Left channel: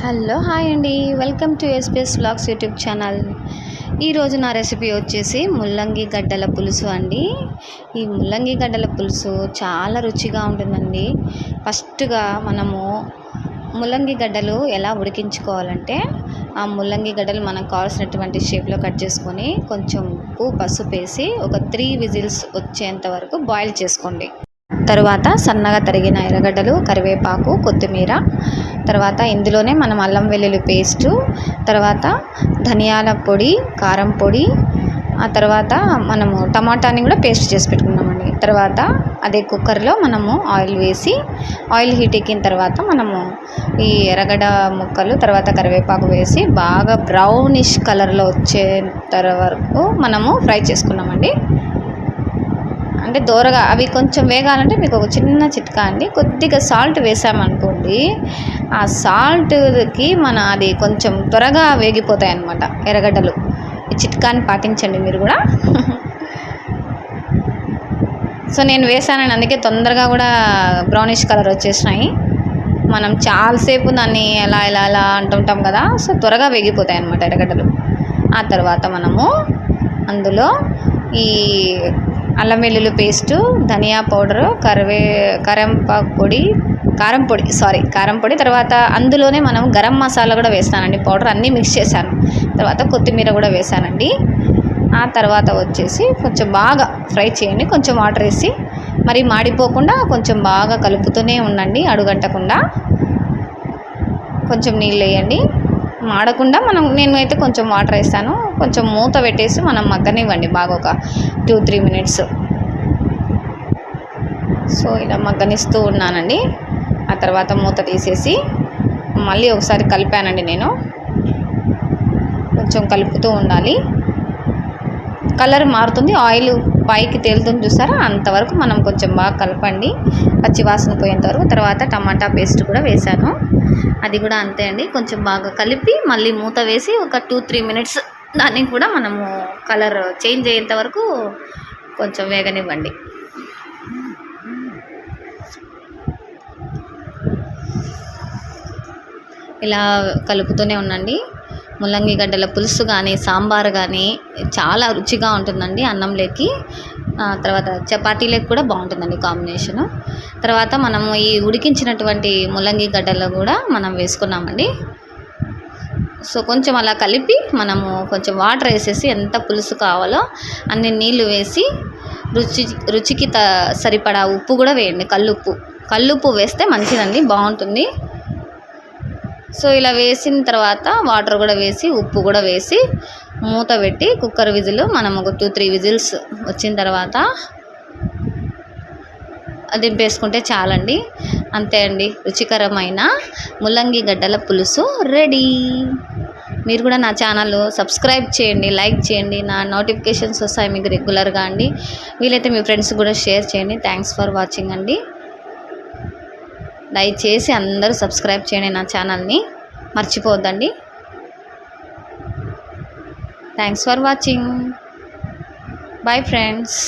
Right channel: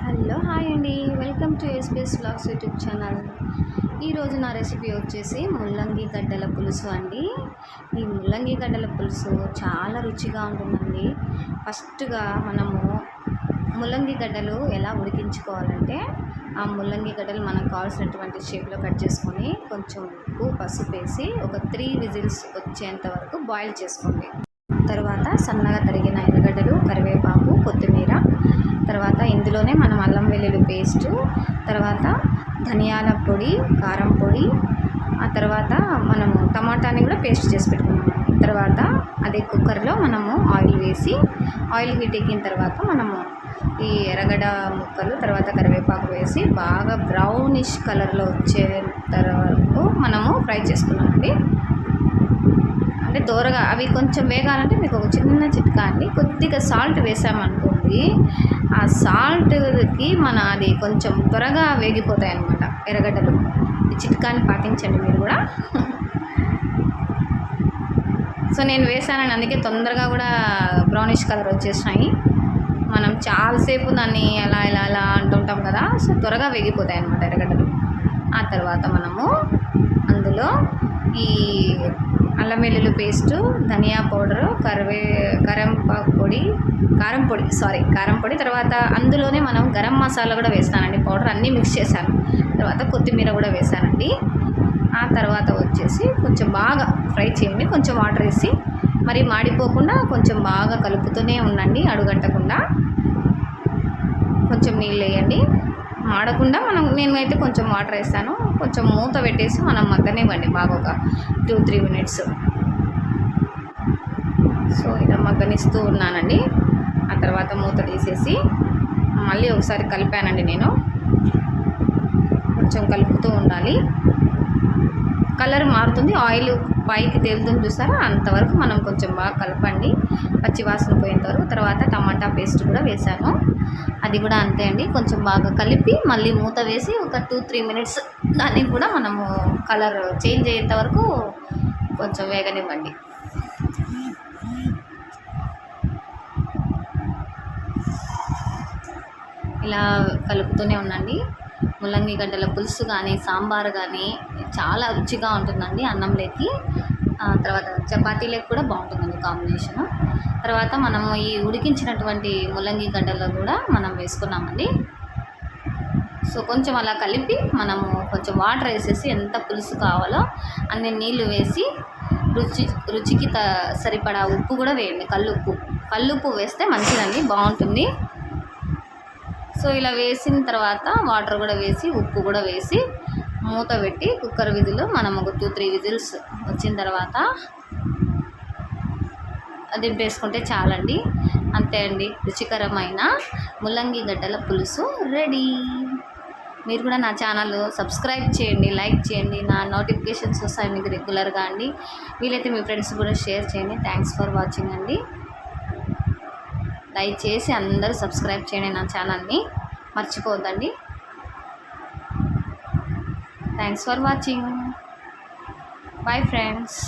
Hello hi అండి. Welcome to SPS blogs YouTube channel. ఈరోజు నా రెసిపీ వచ్చేసి ముల్లంగి గడ్డల పులుసు అండి. ఈ ముల్లంగి గడ్డల పులుసు చాలా రుచిగా ఉంటుందండి. ఫస్ట్గా మనము ముల్లంగి గడ్డలు ఎలా ఉడికించుకోవాలంటే ఆ ముల్లంగి గడ్డలు మనకు కావాల్సినటువంటి షేప్లో కట్ చేసుకొని కొంచెం ఉప్పు పసుపు వేసి ఒక త్రీ విజిల్స్ వచ్చేంత వరకు బాయిల్ చేసుకోండి. తరువాత సన్నగా తరిగిన ఎర్రగడ్డలు కరివేపాకు కొత్తిమీర తర్వాత ఇందులోనే మనం అల్లం వెల్లుల్లి పేస్టు తర్వాత ధనియాల పొడి కారం పొడి ఆ తర్వాత మనము టమాటాని కూడా పేస్ట్ చేసి పెట్టుకున్నామండి. తర్వాత అదే కుక్కర్లో మనము ఆయిల్ వేసి ఆయిల్ హీట్ ఎక్కిన తర్వాత మనము ఈ ఎరగడ ముక్కలు తర్వాత కరివేపాకు వేసి బాగా బ్రౌనిష్ కలర్లో వచ్చే వరకు మనము ఫ్రై చేసుకున్నామండి. అంటే దోరగా అవి కొంచెం వేగాలంటే మీకు ఒక చిన్న చిట్కా అండి. కొద్దిగా సాల్ట్ వేసామనుకోండి ఆ సాల్ట్కి మన అది కొంచెం త్వరగా వేగిపోతాయి అన్నమాట ఎర్రగడ్డలు. ఈ చిట్కాని పాటించండి మీరు కూడా. సో నేను వేసానని అందుకే తొందరగా కూడా బ్రౌనిష్ కలర్ వచ్చేసినాయి. మనం చాలాసేపు దాన్ని ఎలా ఎలా ఎలా అంటుంటాం కదా సో త్వరగా వేగిపోతాయి అన్నమాట ఎర్రగడ్డలు. ఆ తర్వాత మనము అందులో ఈ అల్లం వెల్లుల్లి పేస్టు ధనియా పౌడరు కరివే కరంపాకు పొడి కారం పొడి సారీ కారం పొడి తర్వాత అందులోనే మనం గరం మసాలా కూడా వేస్తానండి పౌడర్ అన్నీ మిక్స్ చేశాను. తర్వాత కొత్తిమీర కూడా వేసానండి ఆ తర్వాత వచ్చేసి కొంచెం బాగా ఫ్రై చేయండి కొంచెం వాటర్ వేసి మరి మాడిపోకుండా కొంచెం బాగా కలుపుతూనే ఉండండి అడుగంటకుండా. కొంచెం నీళ్ళు వేయండి. మాడకుండా మనం నేను అయితే కొంచెం వాటర్ వేస్తాను. కొంచెం మూత పెట్టేసి మనం మగ్గనివ్వండి. బాగా ఒక టూ త్రీ మినిట్స్. సో ఇలా మగ్గనిస్తూ ఉన్నానండి. ఆ తర్వాత మూత తీసేసి మళ్ళీ ఒకసారి కలిపానండి నేను. కొంచెం కలుపుతూ ఉండాలి. కలర్ మారుతుంది. ఆయిల్ పైకి తేలుతుంది చూసారా? అంతవరకు మనం కొంచెం బాగా కలపండి. పచ్చి వాసన పోయేంత వరకు. తర్వాత టమాటా పేస్ట్ కూడా వేసాను. అది కూడా అంతే అండి. కొంచెం బాగా కలిపి మళ్ళీ మూత వేసి ఒక టూ త్రీ మినిట్స్ దాన్ని కూడా మనము కలర్ చేంజ్ అయ్యేంత వరకు కొంచెం వేగనివ్వండి. ఇలా కలుపుతూనే ఉండండి. ముల్లంగి గడ్డల పులుసు కానీ సాంబార్ కానీ చాలా రుచిగా ఉంటుందండి అన్నంలోకి తర్వాత చపాతీలకు కూడా బాగుంటుందండి కాంబినేషను. తర్వాత మనము ఈ ఉడికించినటువంటి ముల్లంగి గడ్డలు కూడా మనం వేసుకున్నామండి. సో కొంచెం అలా కలిపి మనము కొంచెం వాటర్ వేసేసి ఎంత పులుసు కావాలో అన్ని నీళ్ళు వేసి రుచి రుచికి త సరిపడా ఉప్పు కూడా వేయండి. కల్లుప్పు. కల్లుప్పు వేస్తే మంచిదండి బాగుంటుంది. సో ఇలా వేసిన తర్వాత వాటర్ కూడా వేసి ఉప్పు కూడా వేసి మూత పెట్టి కుక్కర్ విజిల్ మనం ఒక టూ త్రీ విజిల్స్ వచ్చిన తర్వాత దింపేసుకుంటే చాలండి. అంతే అండి రుచికరమైన ముల్లంగి గడ్డల పులుసు రెడీ. మీరు కూడా నా ఛానల్ సబ్స్క్రైబ్ చేయండి లైక్ చేయండి నా నోటిఫికేషన్స్ వస్తాయి మీకు రెగ్యులర్గా అండి. వీలైతే మీ ఫ్రెండ్స్ కూడా షేర్ చేయండి. థ్యాంక్స్ ఫర్ వాచింగ్ అండి. దయచేసి అందరూ సబ్స్క్రైబ్ చేయండి నా ఛానల్ని. మర్చిపోవద్దండి. Thanks for watching bye friends